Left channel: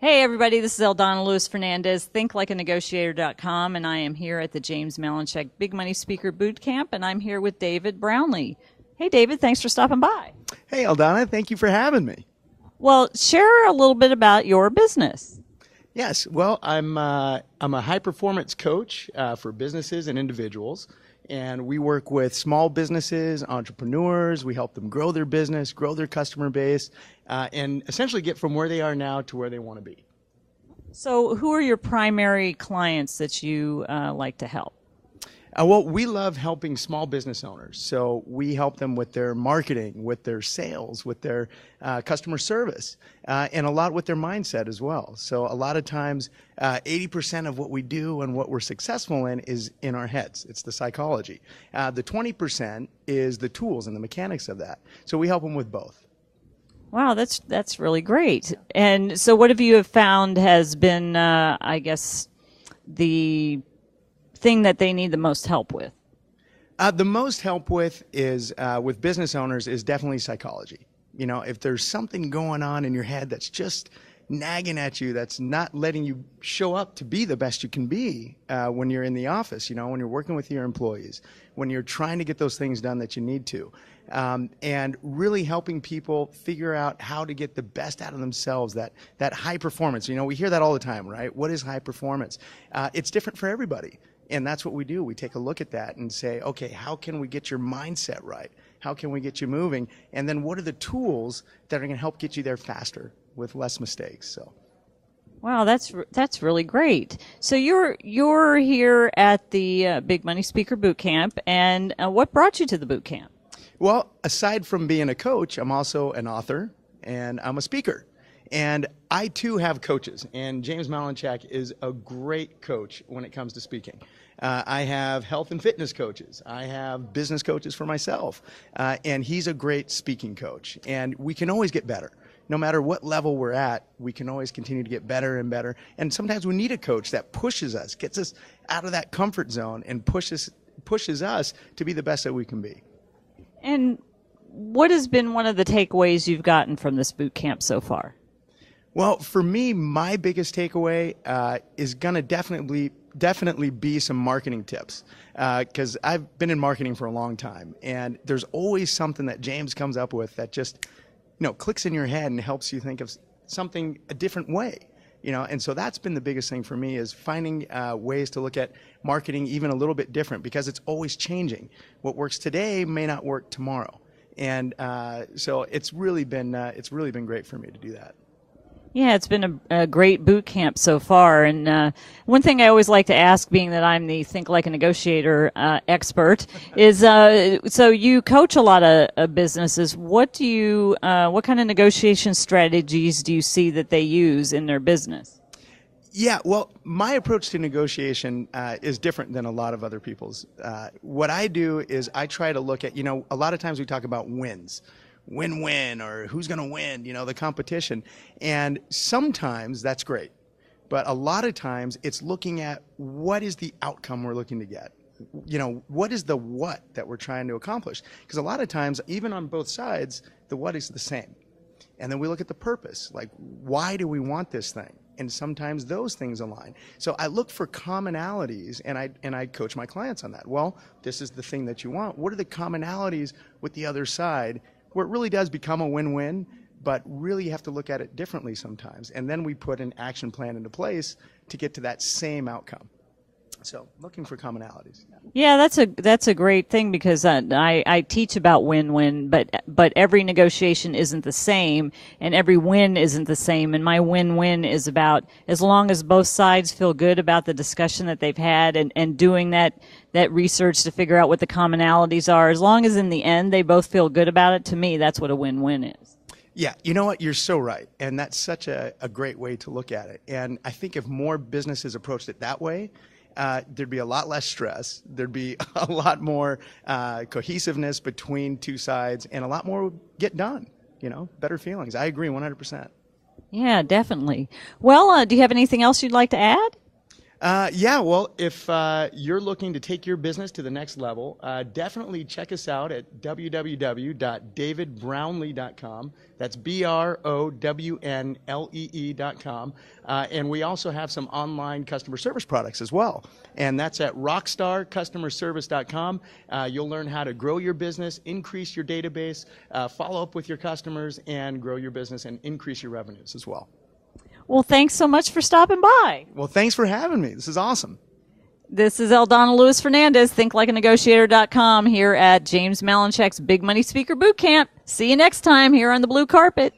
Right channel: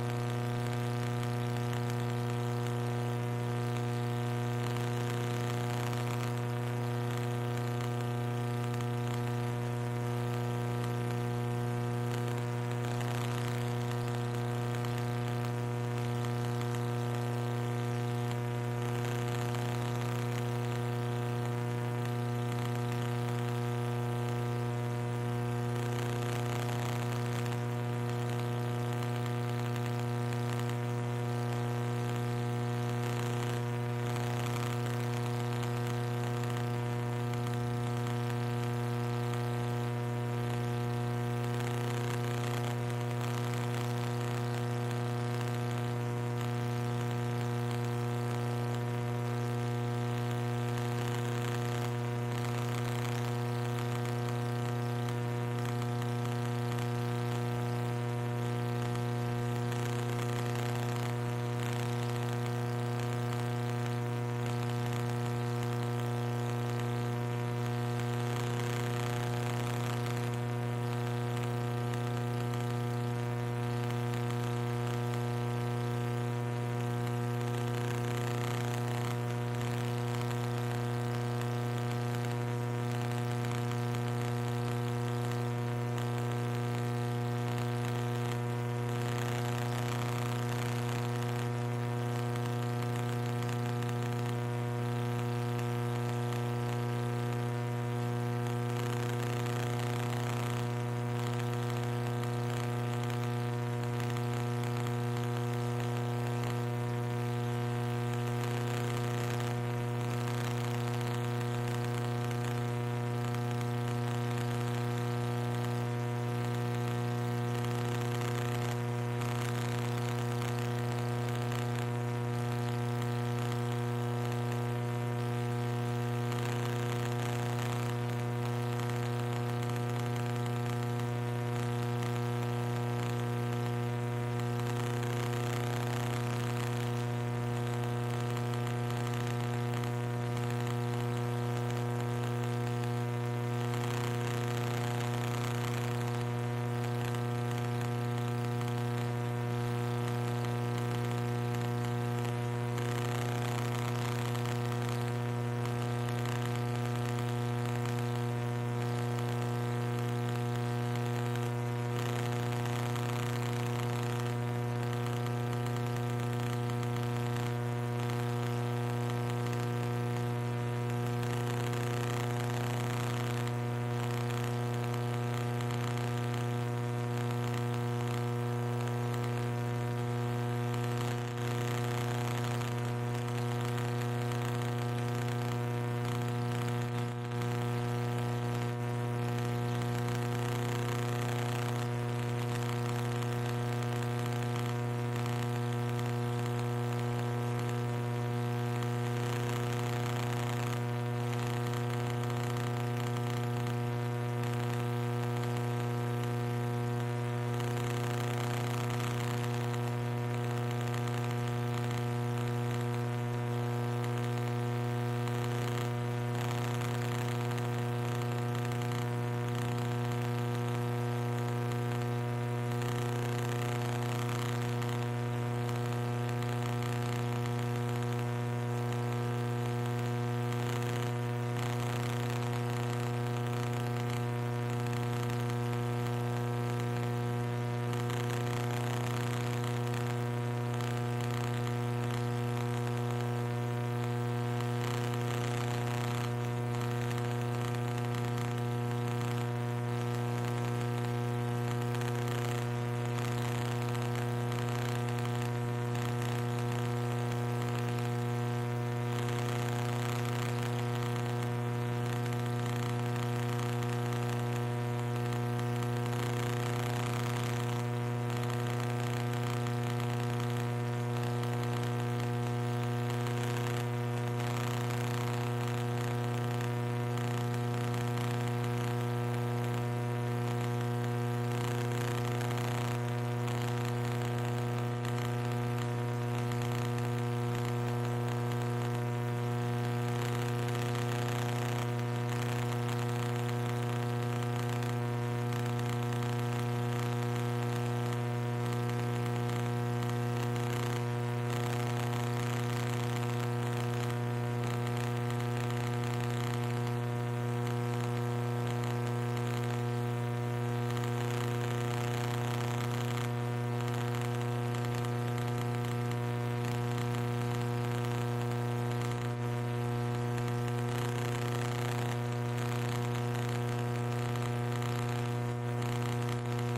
Hey everybody, this is Eldana Lewis Fernandez, thinklikeanegotiator.com, and I am here at the James Malinchak Big Money Speaker Bootcamp, and I'm here with David Brownlee. Hey David, thanks for stopping by. Hey, Eldana, thank you for having me. Well, share a little bit about your business. Yes, well, I'm a high-performance coach for businesses and individuals, and we work with small businesses, entrepreneurs. We help them grow their business, grow their customer base, and essentially get from where they are now to where they want to be. So, who are your primary clients that you like to help? Well, we love helping small business owners. So we help them with their marketing, with their sales, with their customer service, and a lot with their mindset as well. So a lot of times, 80% of what we do and what we're successful in is in our heads. It's the psychology. The 20% is the tools and the mechanics of that. So we help them with both. Wow, that's really great. And so, what have you found has been, I guess, the thing that they need the most help with? The most help with is with business owners is definitely psychology. You know, if there's something going on in your head that's just nagging at you, that's not letting you show up to be the best you can be when you're in the office, you know, when you're working with your employees, when you're trying to get those things done that you need to. And really helping people figure out how to get the best out of themselves, that high performance. You know, we hear that all the time, right? What is high performance? It's different for everybody. And that's what we do. We take a look at that and say, okay, how can we get your mindset right? How can we get you moving? And then what are the tools that are going to help get you there faster with less mistakes? So. Wow, that's really great. So you're here at the Big Money Speaker Bootcamp, and what brought you to the bootcamp? Well, aside from being a coach, I'm also an author and I'm a speaker. And I too have coaches, and James Malinchak is a great coach when it comes to speaking. I have health and fitness coaches. I have business coaches for myself. And he's a great speaking coach. And we can always get better. No matter what level we're at, we can always continue to get better and better. And sometimes we need a coach that pushes us, gets us out of that comfort zone, and pushes us to be the best that we can be. And what has been one of the takeaways you've gotten from this boot camp so far? Well, for me, my biggest takeaway is going to definitely be some marketing tips, because I've been in marketing for a long time, and there's always something that James comes up with that just, you know, clicks in your head and helps you think of something a different way, you know. And so that's been the biggest thing for me, is finding ways to look at marketing even a little bit different, because it's always changing. What works today may not work tomorrow, and so it's really been great for me to do that. Yeah, it's been a great boot camp so far. And one thing I always like to ask, being that I'm the Think Like a Negotiator expert, is so you coach a lot of businesses. What kind of negotiation strategies do you see that they use in their business? Yeah, well, my approach to negotiation is different than a lot of other people's. What I do is I try to look at, you know, a lot of times we talk about wins, win-win, or who's going to win, you know, the competition. And sometimes that's great. But a lot of times it's looking at what is the outcome we're looking to get. You know, what is the what that we're trying to accomplish? Because a lot of times, even on both sides, the what is the same. And then we look at the purpose, like, why do we want this thing? And sometimes those things align. So I look for commonalities, and I coach my clients on that. Well, this is the thing that you want. What are the commonalities with the other side, where it really does become a win-win, but really you have to look at it differently sometimes. And then we put an action plan into place to get to that same outcome. So looking for commonalities. Yeah, that's a great thing, because I teach about win-win, but every negotiation isn't the same, and every win isn't the same. And my win-win is about, as long as both sides feel good about the discussion that they've had, and doing that research to figure out what the commonalities are, as long as in the end they both feel good about it, to me, that's what a win-win is. Yeah, you know what? You're so right. And that's such a great way to look at it. And I think if more businesses approached it that way, there'd be a lot less stress. There'd be a lot more cohesiveness between two sides, and a lot more would get done. You know, better feelings. I agree 100%. Yeah, definitely. Well, do you have anything else you'd like to add? Yeah, well, if you're looking to take your business to the next level, definitely check us out at www.davidbrownlee.com. That's BROWNLEE.com. And we also have some online customer service products as well. And that's at rockstarcustomerservice.com. You'll learn how to grow your business, increase your database, follow up with your customers, and grow your business and increase your revenues as well. Well, thanks so much for stopping by. Well, thanks for having me. This is awesome. This is Eldana Lewis Fernandez, thinklikeanegotiator.com, here at James Malinchek's Big Money Speaker Bootcamp. See you next time here on the blue carpet.